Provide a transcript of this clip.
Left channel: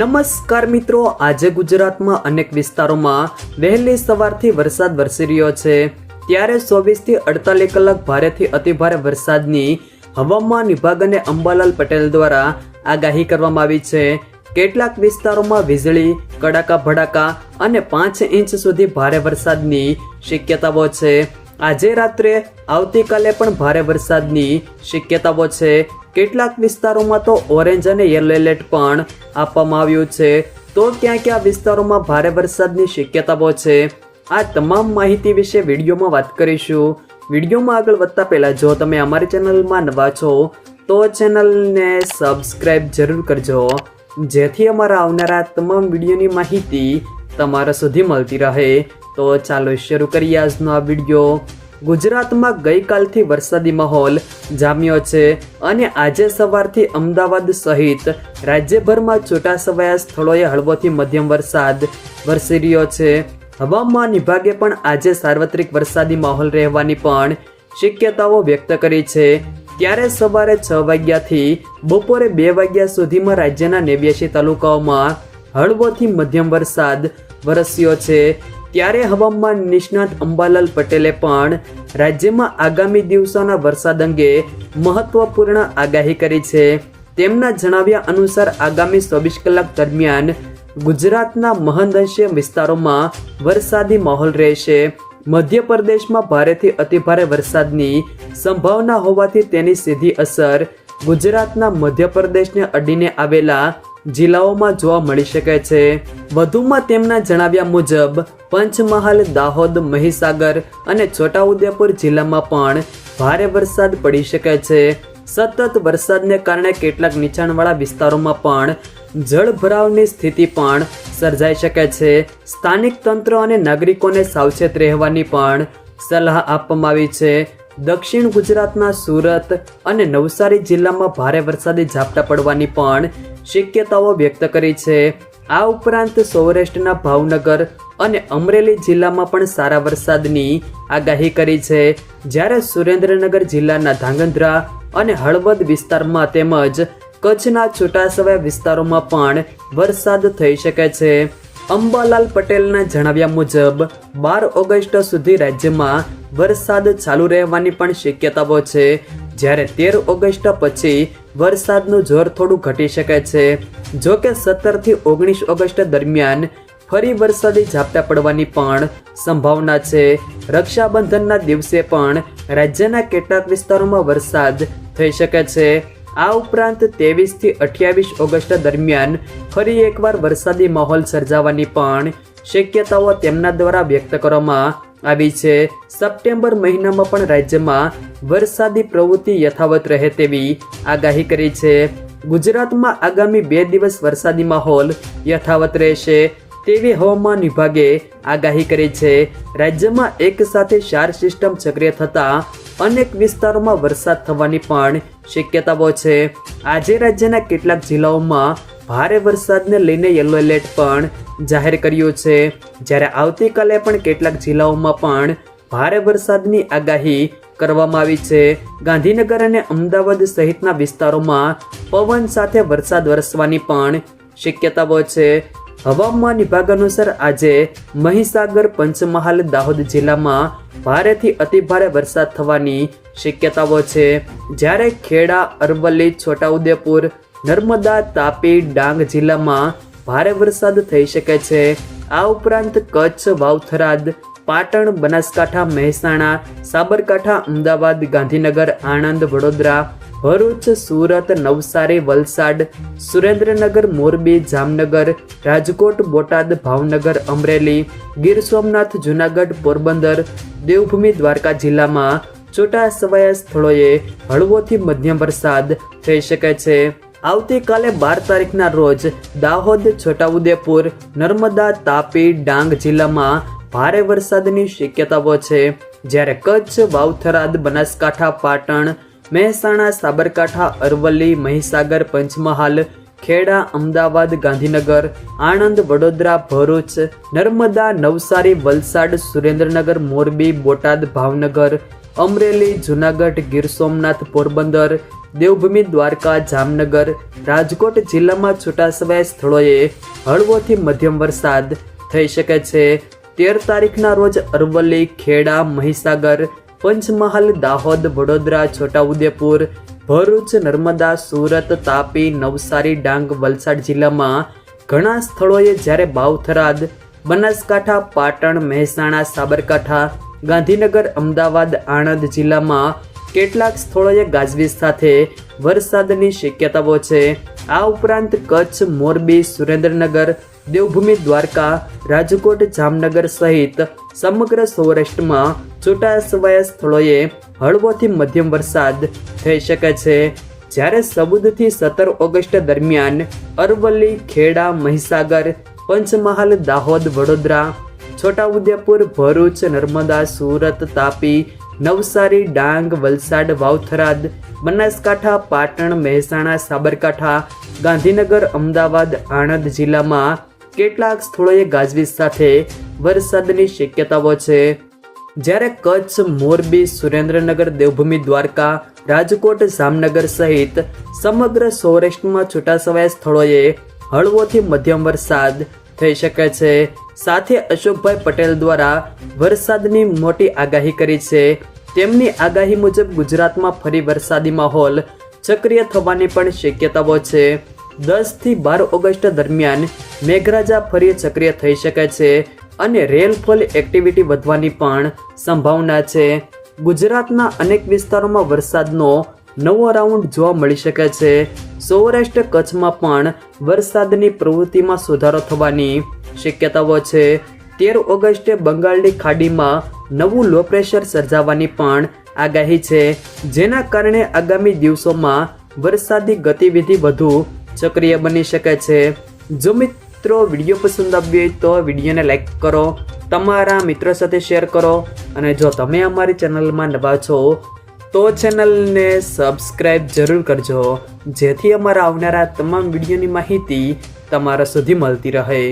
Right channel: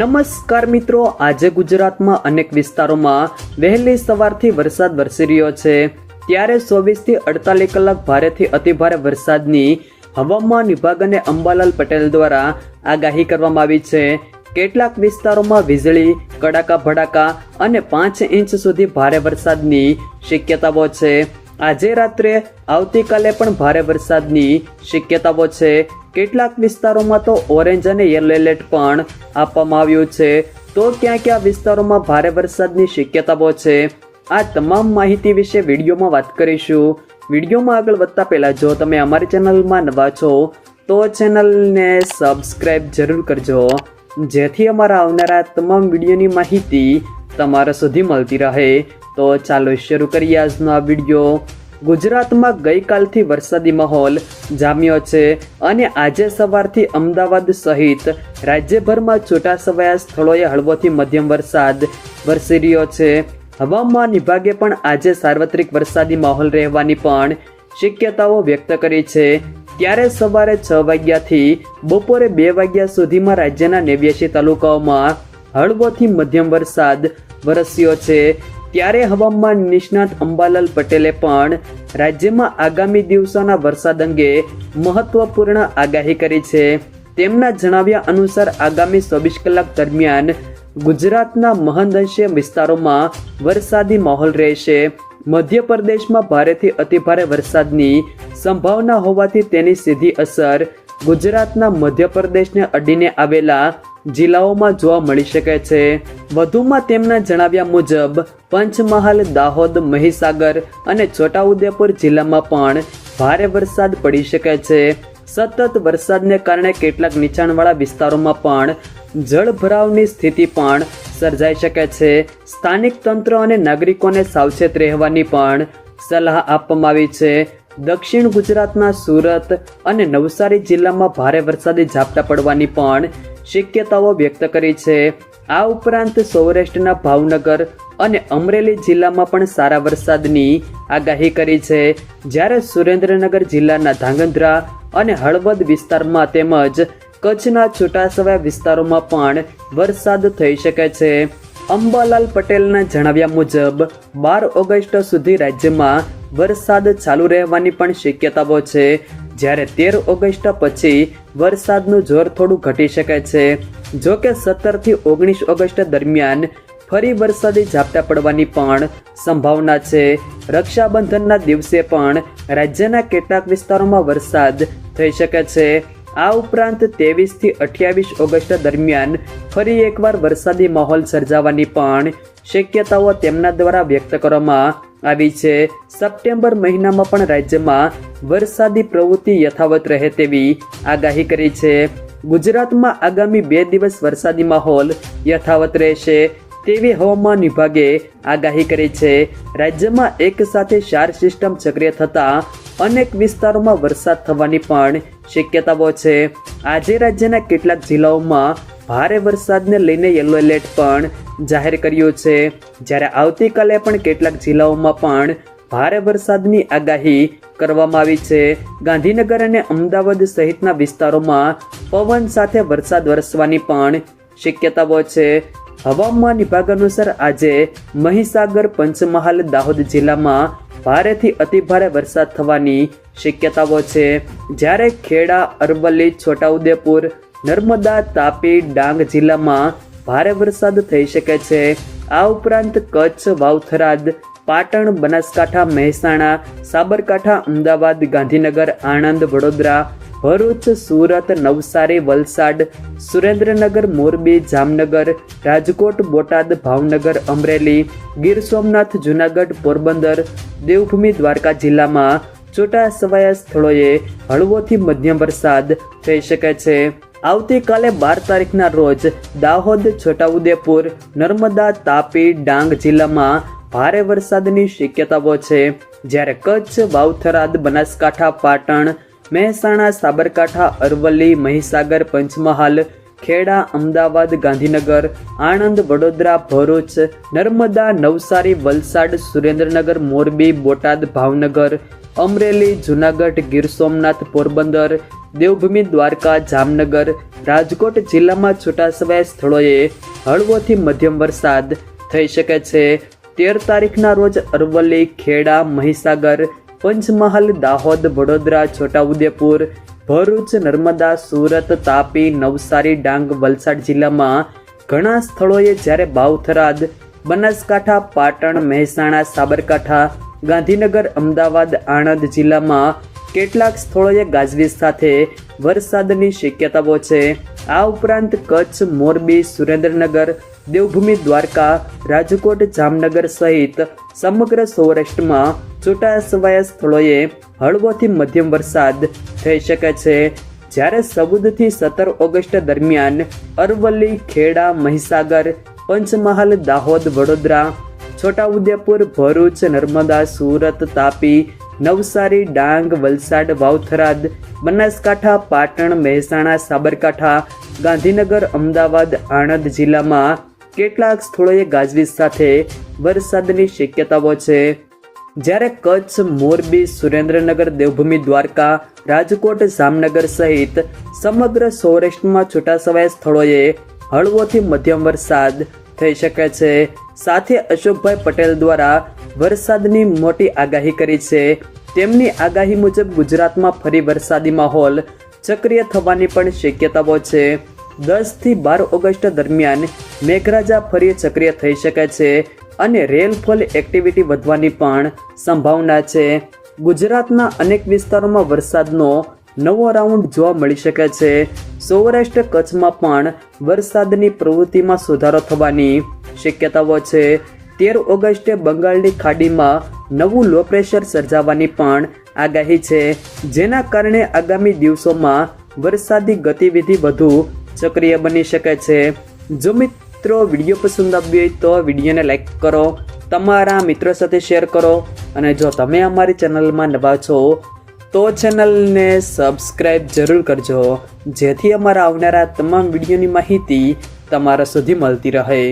નમસ્કાર મિત્રો, આજે ગુજરાતમાં અનેક વિસ્તારોમાં વહેલી સવારથી વરસાદ વરસી રહ્યો છે. ત્યારે 24 થી 48 કલાક ભારેથી અતિભારે વરસાદની હવામાન વિભાગ અને અંબાલાલ પટેલ દ્વારા આગાહી કરવામાં આવી છે. કેટલાક વિસ્તારોમાં વીજળી કડાકા ભડાકા અને 5 ઇંચ સુધી ભારે વરસાદની શક્યતાઓ છે. આજે રાત્રે આવતીકાલે પણ ભારે વરસાદની શક્યતાઓ છે. કેટલાક વિસ્તારોમાં તો ઓરેન્જ અને યલો એલર્ટ પણ આપવામાં આવ્યું છે. તો ક્યાં વિસ્તારોમાં ભારે વરસાદની શક્યતાઓ છે, આ તમામ માહિતી વિશે વિડીયોમાં વાત કરીશું. વિડીયોમાં આગળ વધતા પહેલા જો તમે અમારી ચેનલમાં નવા છો તો ચેનલને સબસ્ક્રાઇબ જરૂર કરજો, જેથી અમારા આવનારા તમામ વિડીયોની માહિતી તમારા સુધી મળતી રહે. તો ચાલો શરૂ કરીએ આજનો આ વિડીયો. ગુજરાતમાં ગઈકાલથી વરસાદી માહોલ જામ્યો છે અને આજે સવારથી અમદાવાદ સહિત રાજ્યભરમાં છૂટાછવાયા સ્થળોએ હળવોથી મધ્યમ વરસાદ વરસી રહ્યો છે. હવામાન વિભાગે પણ આજે સાર્વત્રિક વરસાદી માહોલ રહેવાની પણ શક્યતાઓ વ્યક્ત કરી છે. ત્યારે સવારે 6 વાગ્યાથી બપોરે 2 વાગ્યા સુધીમાં રાજ્યના 89 તાલુકાઓમાં હળવોથી મધ્યમ વરસાદ વરસ્યો છે. ત્યારે હવામાન નિષ્ણાત અંબાલાલ પટેલે પણ રાજ્યમાં આગામી દિવસોના વરસાદ અંગે મહત્વપૂર્ણ આગાહી કરી છે. તેમના જણાવ્યા અનુસાર આગામી 24 કલાક દરમિયાન ગુજરાતના મહદઅંશે વિસ્તારોમાં વરસાદી માહોલ રહેશે. મધ્યપ્રદેશમાં ભારેથી અતિભારે વરસાદની સંભાવના હોવાથી તેની સીધી અસર ગુજરાતના મધ્યપ્રદેશને અડીને આવેલા જિલ્લાઓમાં જોવા મળી શકે છે. વધુમાં તેમના જણાવ્યા મુજબ પંચમહાલ, દાહોદ, મહીસાગર અને છોટાઉદેપુર જિલ્લામાં પણ ભારે વરસાદ પડી શકે છે. સતત વરસાદને કારણે કેટલાક નીચાણવાળા વિસ્તારોમાં પણ જળભરાવની સ્થિતિ પણ સર્જાઈ શકે છે. સ્થાનિક તંત્ર અને નાગરિકોને સાવચેત રહેવાની પણ સલાહ આપવામાં આવી છે. દક્ષિણ ગુજરાતના સુરત અને નવસારી જિલ્લામાં ભારે વરસાદી ઝાપટા પડવાની પણ શક્યતાઓ વ્યક્ત કરી છે. આ ઉપરાંત સૌરાષ્ટ્રના ભાવનગર અને અમરેલી જિલ્લામાં પણ સારા વરસાદની આગાહી કરી છે. જ્યારે સુરેન્દ્રનગર જિલ્લાના ધાંગધ્રા અને હળવદ વિસ્તારમાં તેમજ કચ્છના છૂટાછવાયા વિસ્તારોમાં પણ વરસાદ થઈ શકે છે. અંબાલાલ પટેલના જણાવ્યા મુજબ 12 ઓગસ્ટ સુધી રાજ્યમાં વરસાદ ચાલુ રહેવાની પણ શક્યતાઓ છે. જ્યારે 13 ઓગસ્ટ પછી વરસાદનું જોર થોડું ઘટી શકે છે. જો કે 17 થી 19 ઓગસ્ટ દરમિયાન ફરી વરસાદી ઝાપટા પડવાની પણ સંભાવના છે. રક્ષાબંધનના દિવસે પણ રાજ્યના કેટલાક વિસ્તારોમાં વરસાદ થઈ શકે છે. આ ઉપરાંત 23 થી 28 ઓગસ્ટ દરમિયાન ફરી એકવાર વરસાદી માહોલ સર્જાવાની પણ શક્યતાઓ તેમના દ્વારા વ્યક્ત કરવામાં આવી છે. સપ્ટેમ્બર મહિનામાં પણ રાજ્યમાં વરસાદી પ્રવૃત્તિ યથાવત રહે તેવી આગાહી કરી છે. ગુજરાતમાં આગામી 2 દિવસ વરસાદી માહોલ યથાવત રહેશે તેવી હવામાન વિભાગે આગાહી કરી છે. રાજ્યમાં એક સાથે 4 સિસ્ટમ સક્રિય થતા અનેક વિસ્તારોમાં વરસાદ થવાની પણ શક્યતાઓ છે. આજે રાજ્યના કેટલાક જિલ્લાઓમાં ભારે વરસાદને લઈને યલો એલર્ટ પણ જાહેર કર્યું છે. જ્યારે આવતીકાલે પણ કેટલાક જિલ્લાઓમાં પણ ભારે વરસાદની આગાહી કરવામાં આવી છે. ગાંધીનગર અને અમદાવાદ સહિતના વિસ્તારોમાં પવન સાથે વરસાદ વરસવાની પણ શક્યતાઓ છે. હવામાન વિભાગ અનુસાર આજે મહીસાગર, પંચમહાલ, દાહોદ જિલ્લામાં ભારેથી અતિભારે વરસાદ થવાની શક્યતાઓ છે. જ્યારે ખેડા, અરવલ્લી, છોટાઉદેપુર, નર્મદા, તાપી, ડાંગ જિલ્લામાં ભારે વરસાદ થઈ શકે છે. આ ઉપરાંત કચ્છ, વાવથરાદ, પાટણ, બનાસકાંઠા, મહેસાણા, સાબરકાંઠા, અમદાવાદ, ગાંધીનગર, આણંદ, વડોદરા, ભરૂચ, સુરત, નવસારી, વલસાડ, સુરેન્દ્રનગર, મોરબી, જામનગર, રાજકોટ, બોટાદ, ભાવનગર, અમરેલી, ગીર સોમનાથ, જૂનાગઢ, પોરબંદર, દેવભૂમિ, દ્વારકા જિલ્લામાં છૂટાછવાયા સ્થળોએ હળવોથી મધ્યમ વરસાદ થઈ શકે છે. આવતીકાલે 12 તારીખના રોજ દાહોદ, છોટાઉદેપુર, નર્મદા, તાપી, ડાંગ જિલ્લામાં ભારે વરસાદની શક્યતાઓ છે. જ્યારે કચ્છ, વાવથરાદ, બનાસકાંઠા, પાટણ, મહેસાણા, સાબરકાંઠા, અરવલ્લી, મહીસાગર, પંચમહાલ, ખેડા, અમદાવાદ, ગાંધીનગર, આણંદ, વડોદરા, ભરૂચ, નર્મદા, નવસારી, વલસાડ, સુરેન્દ્રનગર, મોરબી, બોટાદ, ભાવનગર, અમરેલી, જૂનાગઢ, ગીર સોમનાથ, પોરબંદર, દેવભૂમિ, દ્વારકા, જામનગર, રાજકોટ જિલ્લામાં છૂટાછવાયા સ્થળોએ હળવોથી મધ્યમ વરસાદ થઈ શકે છે. 13 તારીખના રોજ અરવલ્લી, ખેડા, મહીસાગર, પંચમહાલ, દાહોદ, વડોદરા, છોટાઉદેપુર, ભરૂચ, નર્મદા, સુરત, તાપી, નવસારી, ડાંગ, વલસાડ જિલ્લામાં ઘણા સ્થળોએ, જ્યારે બાવથરાદ, બનાસકાંઠા, પાટણ, મહેસાણા, સાબરકાંઠા, ગાંધીનગર, અમદાવાદ, આણંદ જિલ્લામાં કેટલાક સ્થળોએ ગાજવીજ સાથે વરસાદની શક્યતાઓ છે. આ ઉપરાંત કચ્છ, મોરબી, સુરેન્દ્રનગર, દેવભૂમિ, દ્વારકા, રાજકોટ, જામનગર સહિત સમગ્ર સૌરાષ્ટ્રમાં છૂટાછવાયા સ્થળોએ હળવોથી મધ્યમ વરસાદ થઈ શકે છે. જ્યારે 14 થી 17 ઓગસ્ટ દરમિયાન અરવલ્લી, ખેડા, મહીસાગર, પંચમહાલ, દાહોદ, વડોદરા, છોટાઉદેપુર, ભરૂચ, નર્મદા, સુરત, તાપી, નવસારી, ડાંગ, વલસાડ, વાવથરાદ, બનાસકાંઠા, પાટણ, મહેસાણા, સાબરકાંઠા, ગાંધીનગર, અમદાવાદ, આણંદ જિલ્લામાં કેટલાક સ્થળોએ ગાજવીજ સાથે વરસાદની શક્યતાઓ છે. જ્યારે કચ્છ, મોરબી, સુરેન્દ્રનગર, દેવભૂમિ, દ્વારકા, રાજકોટ, જામનગર સહિત સમગ્ર સૌરાષ્ટ્રમાં છૂટાછવાયા સ્થળોએ હળવોથી મધ્યમ વરસાદ થઈ શકે છે. સાથે અશોકભાઈ પટેલ દ્વારા વરસાદની મોટી આગાહી કરી છે. તેમની આગાહી મુજબ ગુજરાતમાં ફરી વરસાદી માહોલ સક્રિય થવાની પણ શક્યતાઓ છે. 10 થી 12 ઓગસ્ટ દરમિયાન મેઘરાજા ફરી સક્રિય થઈ શકે છે અને રેનફોલ એક્ટિવિટી વધવાની પણ સંભાવના છે. ગુજરાતના અનેક વિસ્તારોમાં વરસાદનો નવો રાઉન્ડ જોવા મળી શકે છે. સૌરાષ્ટ્ર કચ્છમાં પણ વરસાદની પ્રવૃત્તિમાં સુધારો થવાની શક્યતાઓ છે. 13 ઓગસ્ટે બંગાળની ખાડીમાં નવું લો પ્રેશર સર્જાવાની પણ આગાહી છે, જેના કારણે આગામી દિવસોમાં વરસાદી ગતિવિધિ વધુ સક્રિય બની શકે છે. જો મિત્રો વિડીયો પસંદ આવ્યો હોય તો વિડીયોને લાઈક કરો, તમારા મિત્રો સાથે શેર કરો અને જો તમે અમારી ચેનલમાં નવા છો તો ચેનલને સબસ્ક્રાઈબ જરૂર કરજો, જેથી અમારા આવનારા તમામ વિડીયોની માહિતી તમારા સુધી મળતી રહે.